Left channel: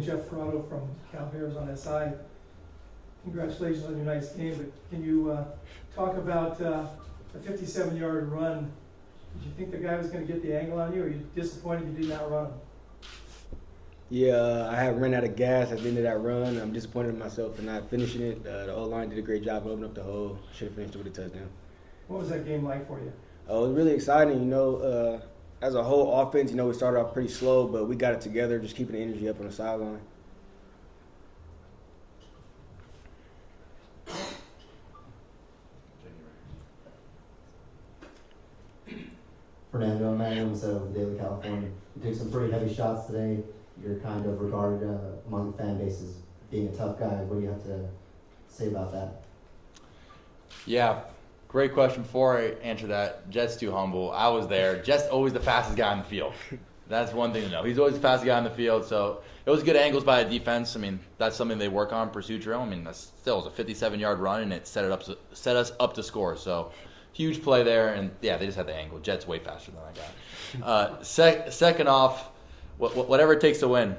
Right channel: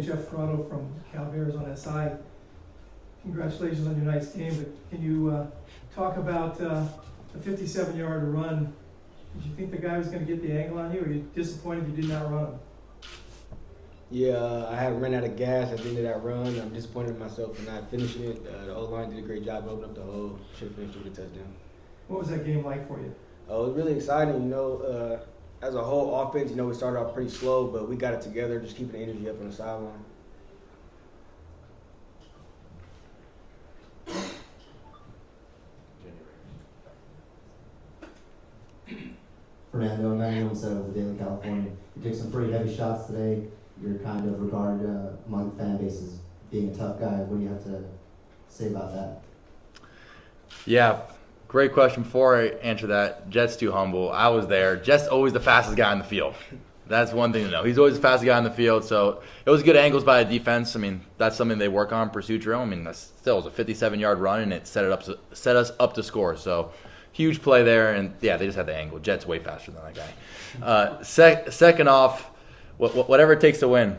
Jeff Fernando from Cal Bears on that side. Congratulations on your nice game, but can you talk about a 57-yard run? Did you think the guy was going to get the angle on you, or are you disappointed you did not run him? Yeah, I had run out of gas at the end of that run. I'm disappointed in myself for not finishing it. The O-line did a great job opening up the hole. Should have finished with a touchdown. What was that game like for you? It was really exciting. As a whole offense, we started off pretty slow, but we got it together, just keeping the energy up on the sideline. Fernando, Mendoza of the Daily California. You took some pretty heavy shots today. You're kind of regarded among fan bases being a tough guy. What do you have to say about that? Yeah, great question. Before I answer that, Jet's too humble. I was there. Jet's always the fastest guy on the field. That's one thing to know. He's always the fastest guy on the field. So it was good angles by the defense. I mean, that's something they work on, pursuit drill. I mean, that still was a 57-yard run, and it set us up to score. So huge play there, and yeah, they just had the angle. Jet's way faster than that guy. Second off, whatever it takes to win.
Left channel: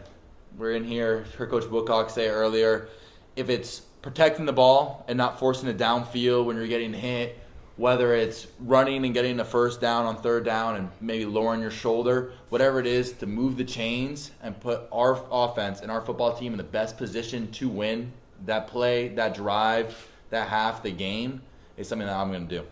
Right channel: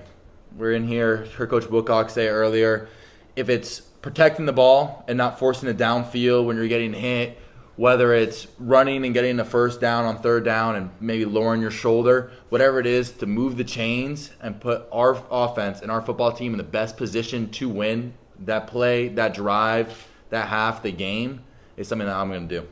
We're in here. Heard Coach Wilcox say earlier, if it's protecting the ball and not forcing it downfield when you're getting hit, whether it's running and getting a first down on third down and maybe lowering your shoulder, whatever it is to move the chains and put our offense and our football team in the best position to win that play, that drive, that half, the game is something that I'm going to do.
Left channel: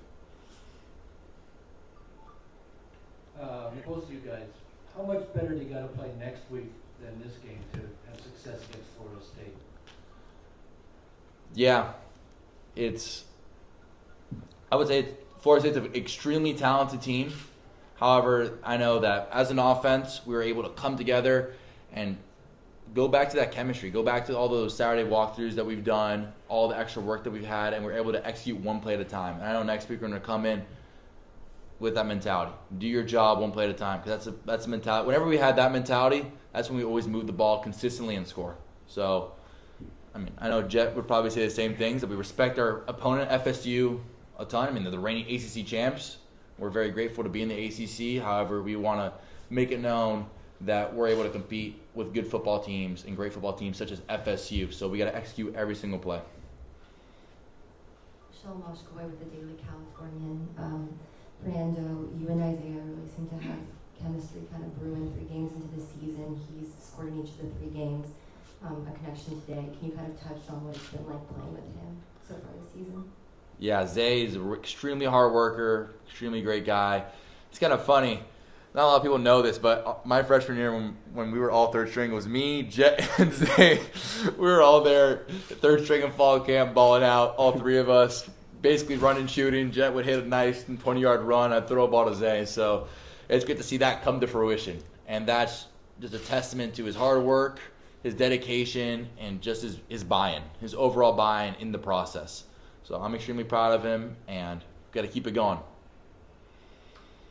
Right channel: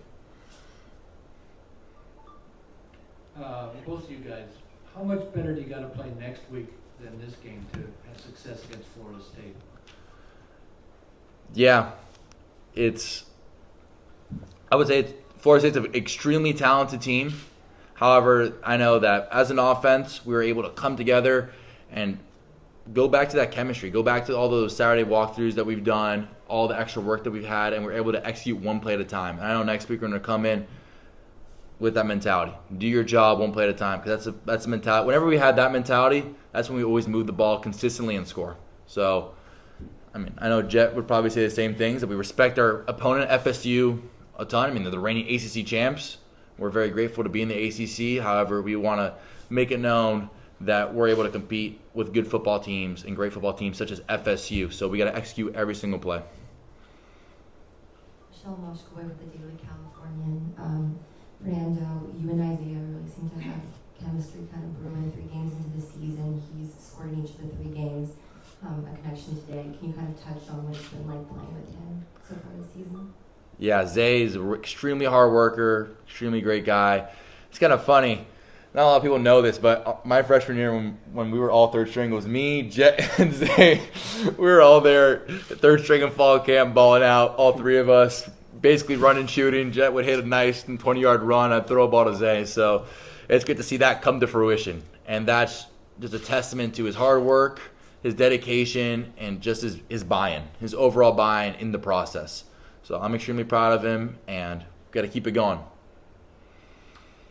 Both of you guys, how much better do you got to play next week than this game to have success against Florida State? Yeah, I would say Florida State's an extremely talented team. However, I know that as an offense, we were able to come together and go back to that chemistry, go back to all those Saturday walkthroughs that we've done, all the extra work that we've had, and we're able to execute one play at a time. And I know next week we're going to come in with that mentality. Do your job one play at a time, because that's a mentality. Whenever we had that mentality, that's when we always move the ball consistently and score. So, I mean, I know Jet would probably say the same things, that we respect our opponent, FSU, a ton. I mean, they're the reigning ACC champs. We're very grateful to be in the ACC. However, we want to make it known that we're able to compete with good football teams and great football teams such as FSU. So we got to execute every single play. Michelle Moshkoy with the Daily Californian. Fernando, you and Isaiah really seem to have chemistry kind of brewing 3 games into the season. He's scored in each of the 3 games. A connection today. Can you kind of touch on what it's been like playing with him so far this season? Yeah, Zay is an extremely hard worker, extremely great guy. It's kind of funny. Not a lot of people know this, but my freshman year when we were all third string, it was me, Jet, and Zay. We were all there, third string in fall camp, balling out, all 3 of us, basically running, shooting. Jet would hit a nice 20-yard run. I'd throw a ball to Zay. So it's good to see that come to fruition. And that's just a testament to his hard work, his dedication, and just his buy-in, his overall buy-in in the process. So I'm extremely proud of him, and got to keep it going.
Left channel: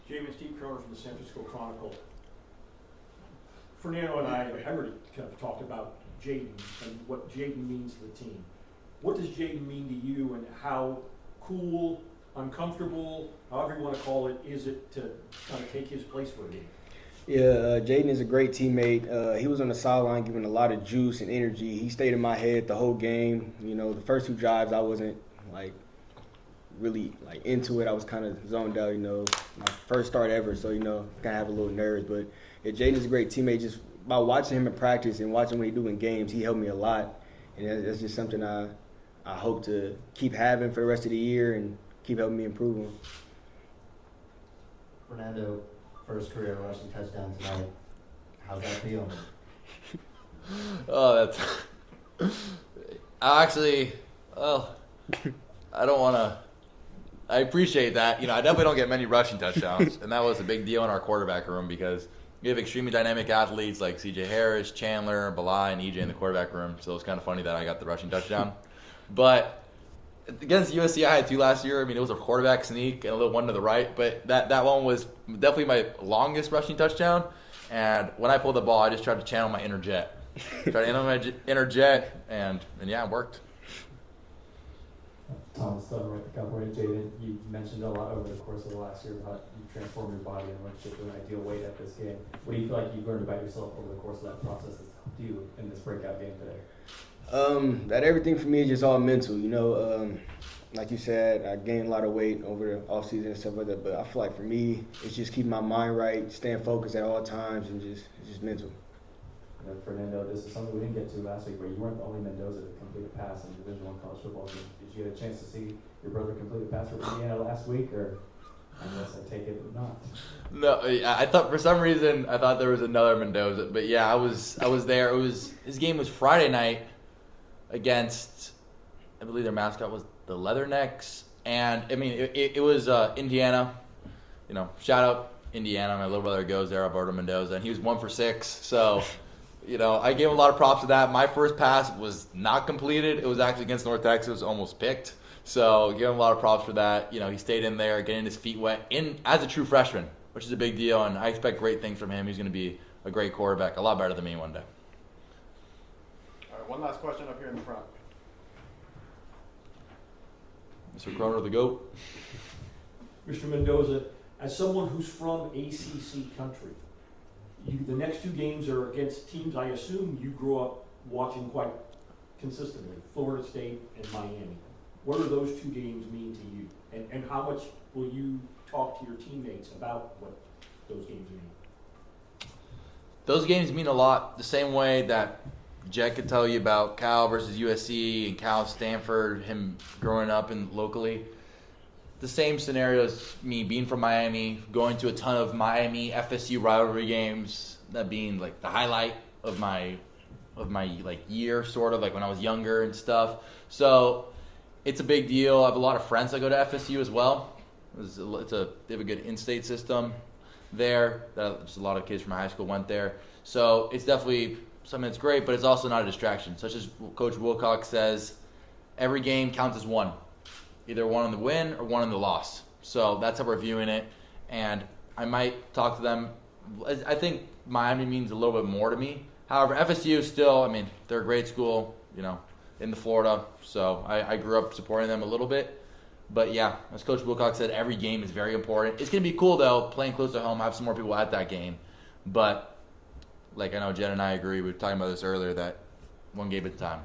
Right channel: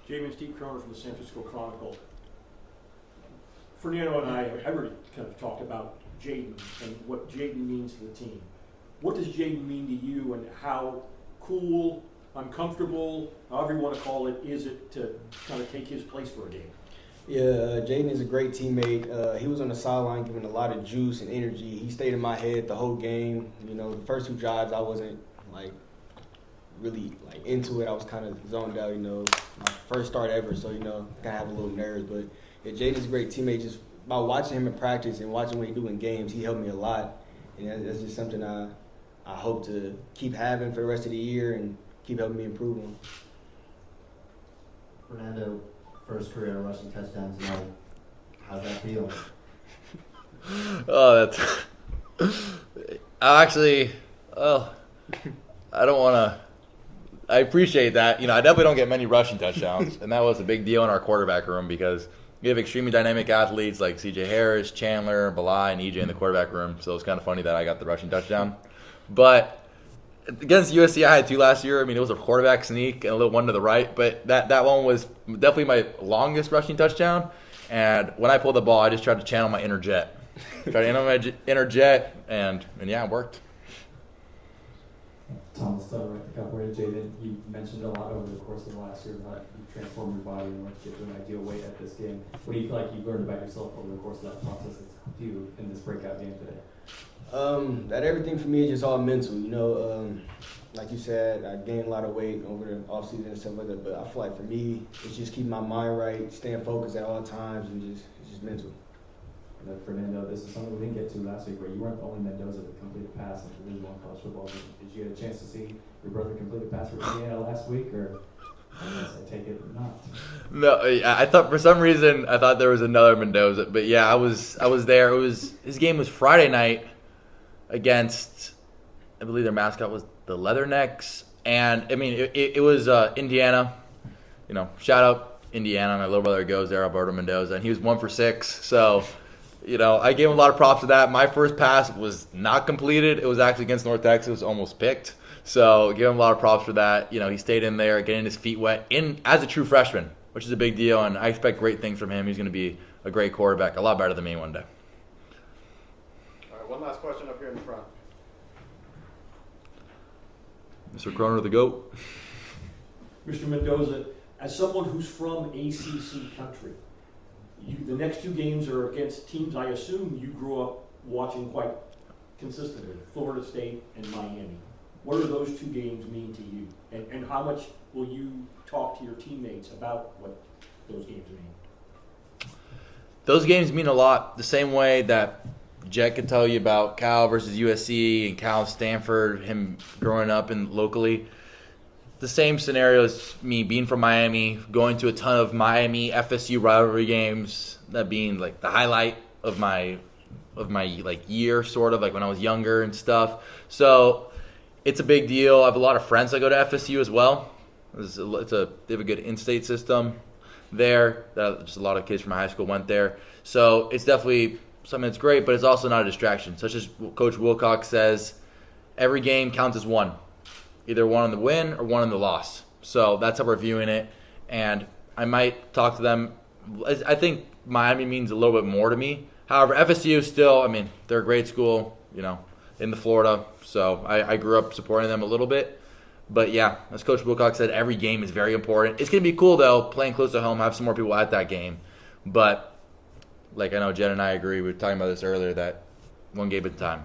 Jaivian, Steve Croner from the San Francisco Chronicle. Fernando and I have already kind of talked about Jayden and what Jayden means to the team. What does Jayden mean to you, and how cool, uncomfortable, however you want to call it, is it to kind of take his place for a game? Yeah, Jayden is a great teammate. He was on the sideline giving a lot of juice and energy. He stayed in my head the whole game. The first 2 drives I wasn't really into it. I was kind of zoned out. My first start ever, so kind of have a little nerves. But yeah, Jayden is a great teammate. Just by watching him in practice and watching what he do in games, he helped me a lot, and that's just something I hope to keep having for the rest of the year and keep helping me improve him. Fernando, first career rushing touchdown tonight. How's that feel? Oh, I don't want to. I appreciate that. I definitely don't get many rushing touchdowns, and that was a big deal in our quarterback room because we have extremely dynamic athletes like C.J. Harris, Chandler, Belai, and E.J. in the quarterback room. So it's kind of funny that I got the rushing touchdown. But against USC, I had 2 last year. I mean, it was a quarterback sneak and a little one to the right, but that one was definitely my longest rushing touchdown. And when I pulled the ball, I just tried to channel my inner Jet. Tried to channel my inner Jet, and yeah, it worked. Thomas, right, the California Jaden, you mentioned a lot over the course of the last year about you transform your body and what to get to an ideal weight at this game. What do you feel like you learned about yourself over the course of that process that's helped you in this breakout game today? That everything for me is just all mental, you know. Like you said, I gained a lot of weight over the off season and stuff like that. But I feel like for me, it's just keeping my mind right, staying focused at all times, and it's just mental. Fernando, this is something we didn't get to last week, where you weren't the only Mendoza to complete a pass in Division I college football. Did you get a chance to see your brother complete a pass for Indiana last week, or I guess I take it not? No, I thought for some reason I thought there was another Mendoza, but yeah, I was there. His game was Friday night against, I believe their mascot was the Leathernecks, and I mean it was Indiana. You know, shout out Indiana. My little brother goes there, Alberto Mendoza, and he was 1 for 6. So, you know, I gave him a lot of props for that. My first pass was not completed. It was actually against North Texas, almost picked. So, give him a lot of props for that. You know, he stayed in there, getting his feet wet as a true freshman, which is a big deal, and I expect great things from him. He's going to be a great quarterback, a lot better than me one day. All right, one last question up here in the front. Mr. Croner, the GOAT. Mr. Mendoza, as someone who's from ACC country, the next 2 games are against teams I assume you grew up watching quite consistently, Florida State and Miami. What do those 2 games mean to you? And how much will you talk to your teammates about what those games mean? Those games mean a lot, the same way that Jet could tell you about Cal versus USC and Cal Stanford, him growing up locally. The same scenario as me being from Miami, going to a ton of Miami FSU rivalry games, that being like the highlight of my like year, sort of like when I was younger and stuff. So it's a big deal. I have a lot of friends that go to FSU as well. They have a good in-state system there. Just a lot of kids from my high school went there. So it's definitely something that's great, but it's also not a distraction. Such as Coach Wilcox says, every game counts as one. Either one on the win or one on the loss. So that's how we're viewing it. And I might talk to them. I think Miami means a little bit more to me. However, FSU still, I mean, they're a great school, you know, in the Florida. So I grew up supporting them a little bit. But yeah, as Coach Wilcox said, every game is very important. It's going to be cool, though, playing close to home, have some more people at that game. But like I know Jen and I agree, we were talking about this earlier, that one game at a time.